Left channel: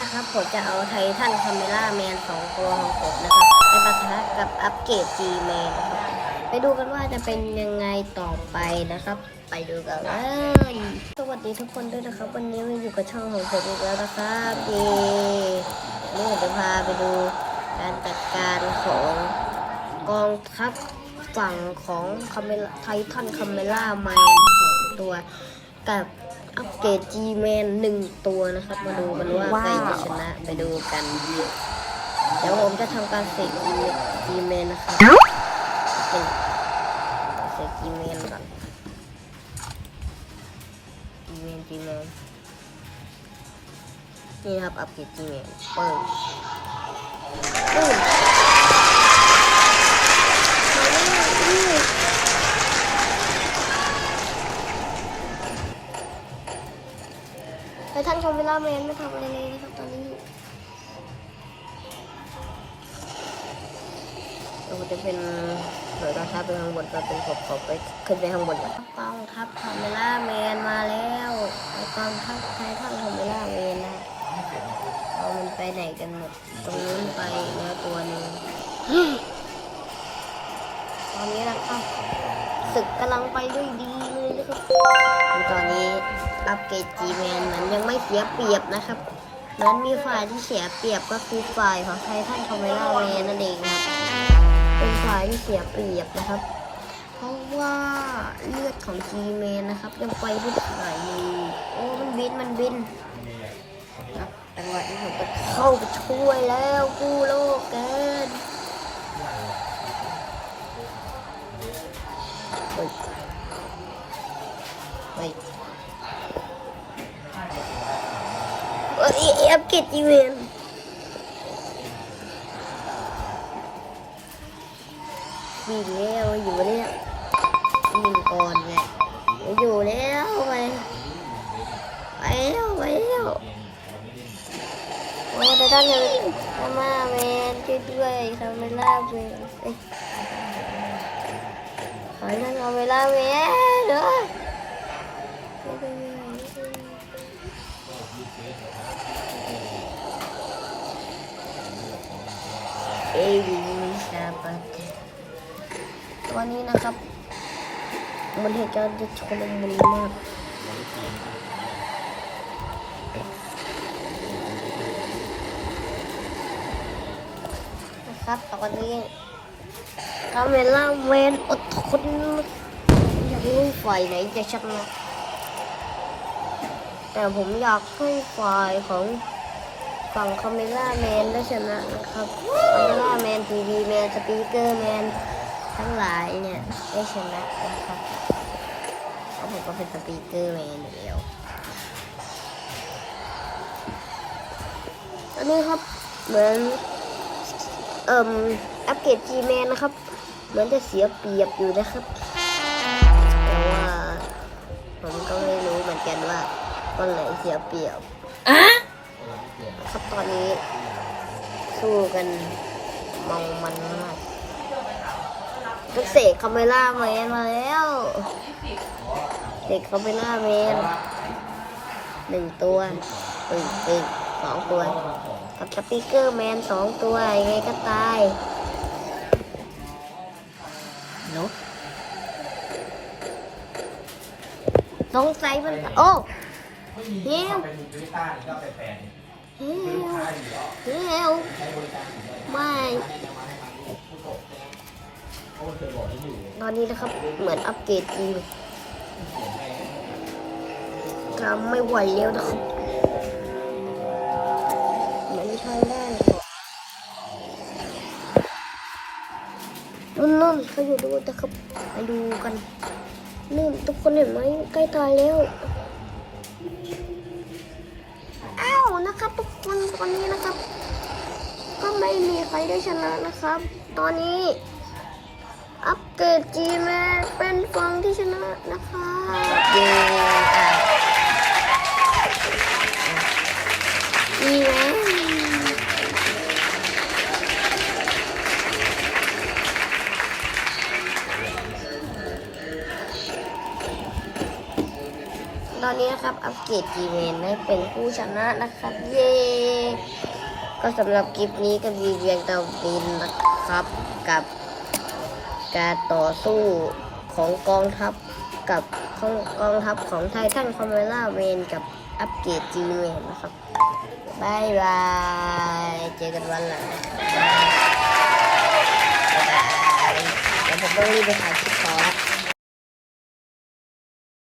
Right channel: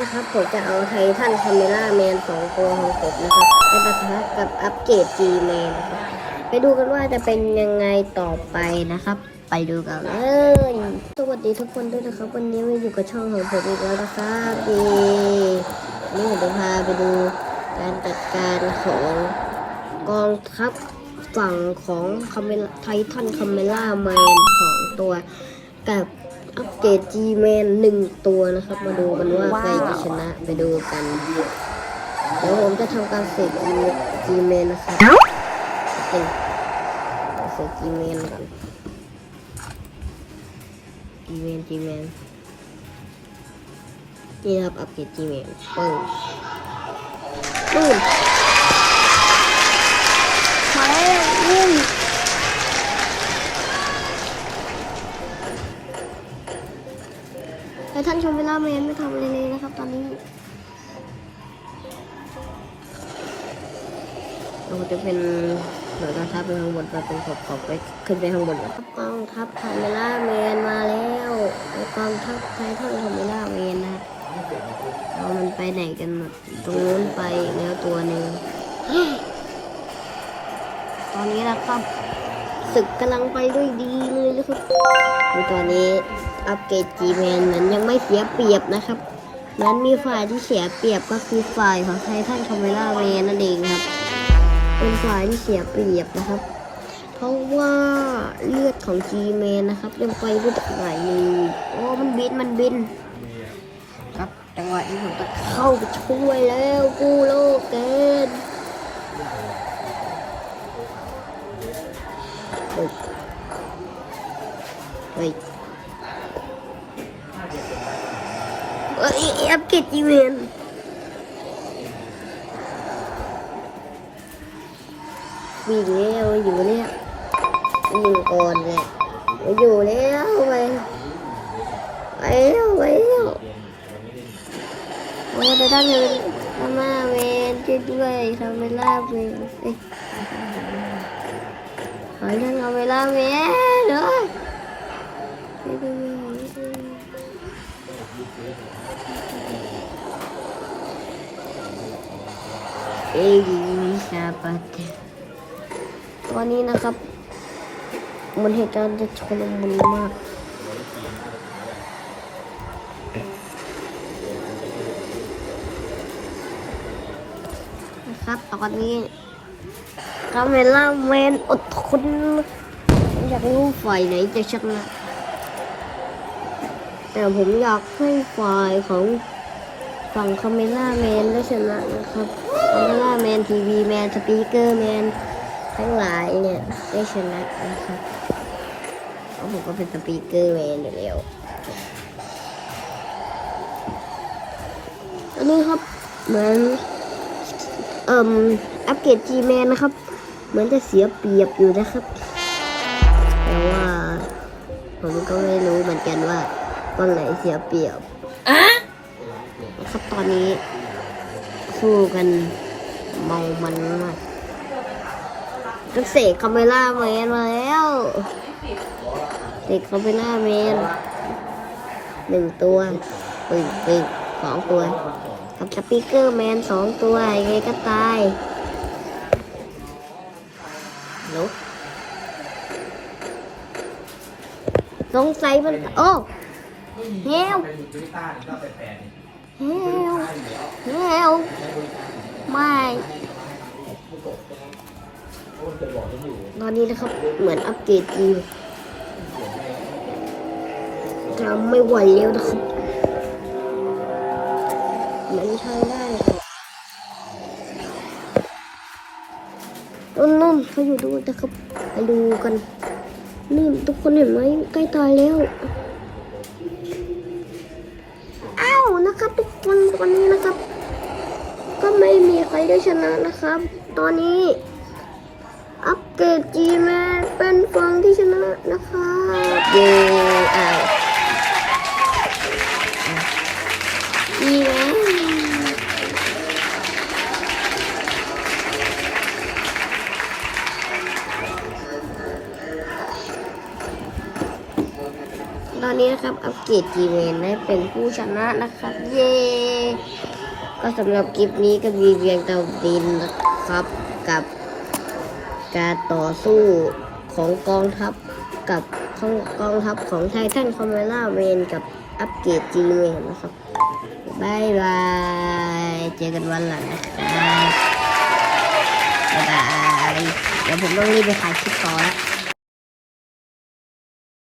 นะครับผมจะเอาไททันคาเมล่าแมนสองตัวของผมนะครับไปปะทะกับอัปเกรด G แมนนะครับไปดูกันว่าจะเป็นยังไงต่อไปนะครับ ไปดูกันเลยสวัสดีทุกคนด้วยนะครับ วันนี้มาอยู่กับช่องของผมอีกแล้วนะครับดีนี่ผมจะพาไปดูการจัดการของกองทัพฝั่งของคาเมล่าไททันคาเมล่าแมนสองตัวกับ อัปเกรด G Man หนึ่งตัวนะครับ มาดูกันว่าใครจะชนะไปดูกัน เดี๋ยวผมจะทำการเสก G Man นะครับโอเคเสก G Man ก่อน G Man G Man นี่นะครับอัปเกรด G Man เปิดอืมอืม ไททันชม เวลาแมนไม่ทำอะไรเลยนะครับตอนนี้เราจะเป็นหน่วยการทัพไปข้างบนไปเป็นขอบขอบไปขึ้นไปข้างบนนะครับกองทัพคาเมล่าแมนมาแล้วกองทัพไททันคาเมล่าแมนนะครับเอามันไปไหนกันหมดตรงนู้นไปแล้วตัวหนึ่งตอนนี้นะครับศึกกำลังไปด้วยดี ตอนนี้อัปเกรดจีแมนนั้นยังไม่เสียเปรียบนะครับ นั้นมีฝ่ายที่เสียเปรียบก็คือฝ่ายของไททันคาเมล่าแมนนั่นเองครับ เป็นฝ่ายที่เสียเปรียบนะครับ เพราะว่าเลือดของจีแมนนะครับ ยังไปไม่ถึงไหนเลยโอ้มันบินมันบินครับจังหวะนี้ผมก็เข้าไปช่วยแล้วกู้โลกเกิน ฮ้ยเฮ้ยเอ้ยอัปเกรดจีเวนมีแล้วอยู่เนี่ยยิงก่อนเลยอยู่แล้วไปไปแล้วไปแล้วโอ้แต่ถ้าเกิดทำมาเมนช่วยด้วยทำเวลาไปเอ้ยขอให้ท่านเอาเวลาเว้ยเนอะ เอ้ยมิชาปัตวันนี้นะครับ มันเหตุการณ์จะชนมุนมากนะครับตอนนี้คาเมล่าแมนอดทนอยากรู้ฝ่ายไหนจะชนะ แต่ผมอยากให้ฝ่ายของฝั่งคาเมล่าแมนได้ชนะนะครับคาเมล่าแมนทีวีแมนสปีกเกอร์แมนทั้งหลายเนี่ยได้ชนะนะครับเพราะผมก็เป็นสปีกเกอร์แมนอยู่แล้วอันนี้ครับเหมือนเอ่มอัปเกรดจีแมนนะครับ เหมือนจะเสียเปรียบอยู่นะครับ แต่ว่า ผมก็ไม่รู้เหมือนกันว่า วันไหนเสียเปรียบครับตอนนี้คู่กันเมามันมากก็เสกคาเมล่าแมนมาแล้วเสกคาเมล่าแมนหนึ่งตัวปึ้งปึ้งสองตัว กับสปีกเกอร์แมนสองตัวยังไงก็ตายลุกสงสัยมันโอ้ เฮลเฮลเฮลไม่ตอนนี้นะครับเหมือนอัปเกรดอีกทำไม่ไหวแล้วนะครับไม่ใช่ได้ครับนั่นนั่นไปดูนะครับไปดูกันนี่ทุกคนเห็นไหมใกล้ตายแล้ว นะครับทุกคนตอนนี้นะครับ ก็ไม่มีใครได้ชนะนะครับ ตอนนี้ อัปเกรดจีแมเป็นฟองที่ชนะนะครับเย้อ้า อนนี้นะครับ อัปเกรดจีเวนให้เป็นผู้ชนะนะครับ เย้ ก็สำหรับคลิปนี้ก็มีเพียงเท่าดินนะครับกับการต่อสู้ของกองทัพกับของกองทัพของไททันคอมเมล่าเวนกับอัปเกรดจีเวนนะครับบายบาย เจอกันวันหลังนะครับบ๊ายบายเดี๋ยวผมต้องรีบไปถ่าย